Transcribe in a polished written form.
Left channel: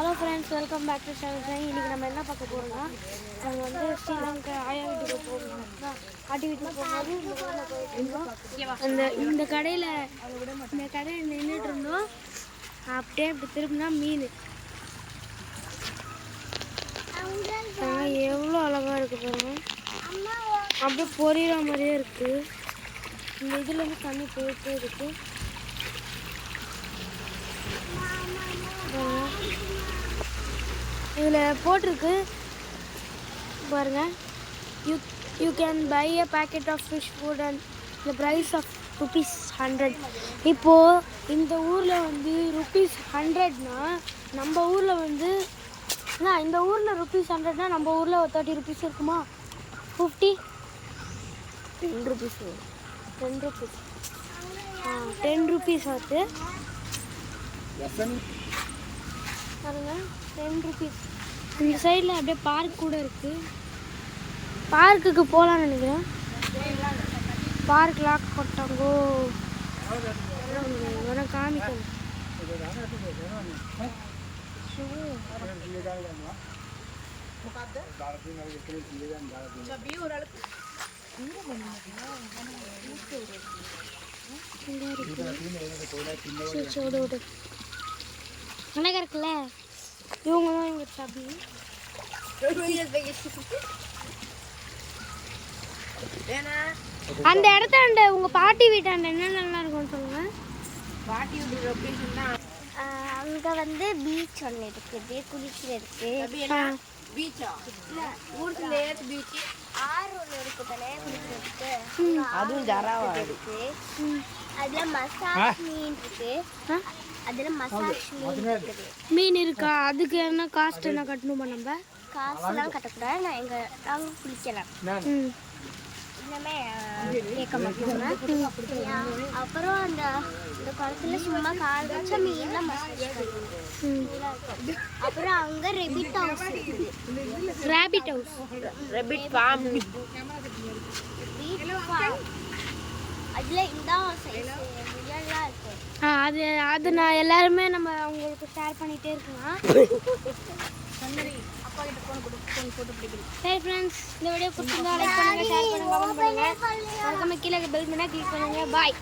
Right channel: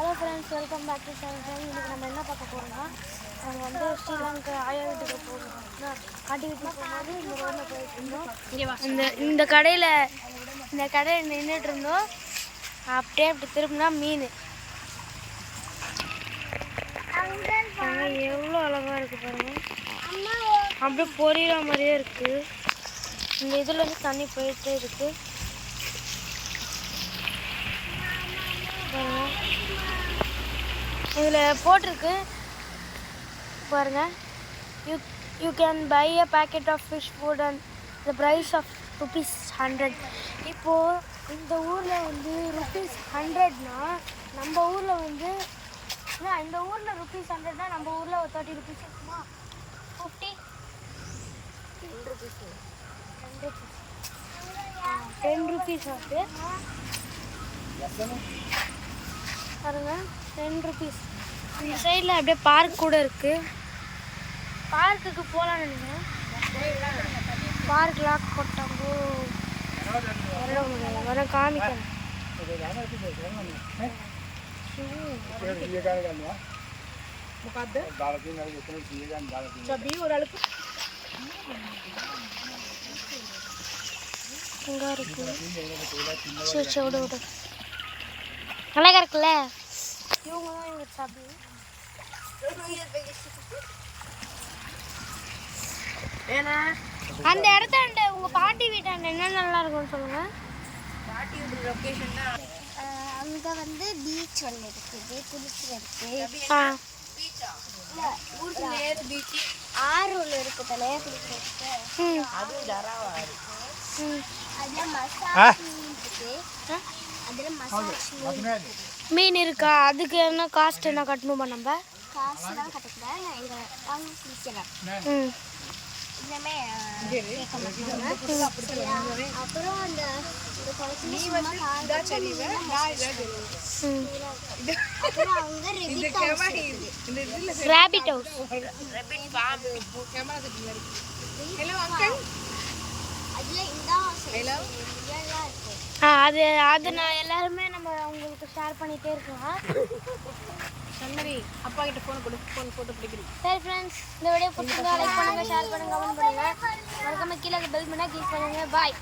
Hello friends, welcome back to channel. இன்றைக்கி நம்ம என்ன பார்க்க போகிறோம்னா, நாங்கள் வந்து ஸ்ரீலங்கா ஆயா வீட்டுக்கு போகணும். பாட்டி வீட்டுக்கு போகும்போது இந்த ரோட்டில் போயிட்டு இருந்தோம். இந்த கடையில் நின்றுட்டு இருந்தோம். அப்படியே அப்படி திரும்பினா மீன் எவ்வளோ அழகாக இருக்குது பாருங்கள். அப்படியே பொரியிற மாதிரியே இருக்குது. இந்த இதுலேருந்து தண்ணி போயிட்டே இருக்குது பாருங்கள். இதில் போட்டிருக்கு பாருங்க, you can buy a packet of fish food and the price of ₹100. இப்போது இந்த ஊரில் வந்து ₹100னா நம்ம ஊரில் வந்து இந்த ஊரில் ₹100னா நம்ம ஊரில் ஒரு ₹30 இருக்குமா? 50 ₹10 வருது பாருங்க. ₹10. இந்த சைடில் அப்படியே பார்க் கூட இருக்குது. பார்க்குக்கு போகலான்னு நினைக்கிறேன். பார்க் லாக் போட்டாங்கோ, வர முடியாது. வர காமிக்கிறேன். இங்கே இருக்கு. சரி விடு அழகா இருக்குல்ல. இவங்களும் ஒரு சாப்பி. அந்த இடத்தாண்ட உங்கள் பாட்டி வீட்டாண்ட என்ன நல்லா இருக்கும்னு சொல்லுங்க. பாட்டி வீட்டு லொக்கேஷன்னா அங்கே வந்து பீச் ஒன்று இருக்குது, குளிக்கிறதுக்கு. பீச்சா? இல்லை, ஊருக்குள்ள ஏது பீச்? ஆறு ஒன்று இருக்குதுல்ல குளிக்கிறதுக்கு. அதில் மசாஜ் மீன் இருக்கு. அதில் மசாஜ் மீன் இருக்கா? அதுக்கு என்ன காஸ்ட் என்ன கட்டணுமா? நம்ம காசுலாம் கட்டக்கூடாது. நாங்கள் குளிக்கலாம். இன்னமே கேட்க மாட்டாங்க. அப்புறம் அந்த குளத்துல சும்மா கால் வச்சா மீன்லாம் மசாஜ் பண்ணுவாங்க. அப்புறம் அவங்க ரெபிட் ஹவுஸ் இருக்குது. Rabbit house, rabbit farm. அதில் இந்த இதெல்லாம் இருக்கும். அது நான் எல்லாருமே நம்ம அவங்களுக்கு ஷேர் பண்ணிகிட்டே இருக்கலாம். அப்பா கிட்ட ஃபோன் போட்டு பிடிக்கணும். சரி ஃப்ரெண்ட்ஸ், இந்த வீடியோ பிடிச்சிருந்தா லைக் பண்ணுங்கள், ஷேர் பண்ணுங்கள், கமெண்ட் பண்ணுங்கள். மறக்காம கீழே பெல் பண்ணால் கிளிக் பண்ணுங்கள். பாய்.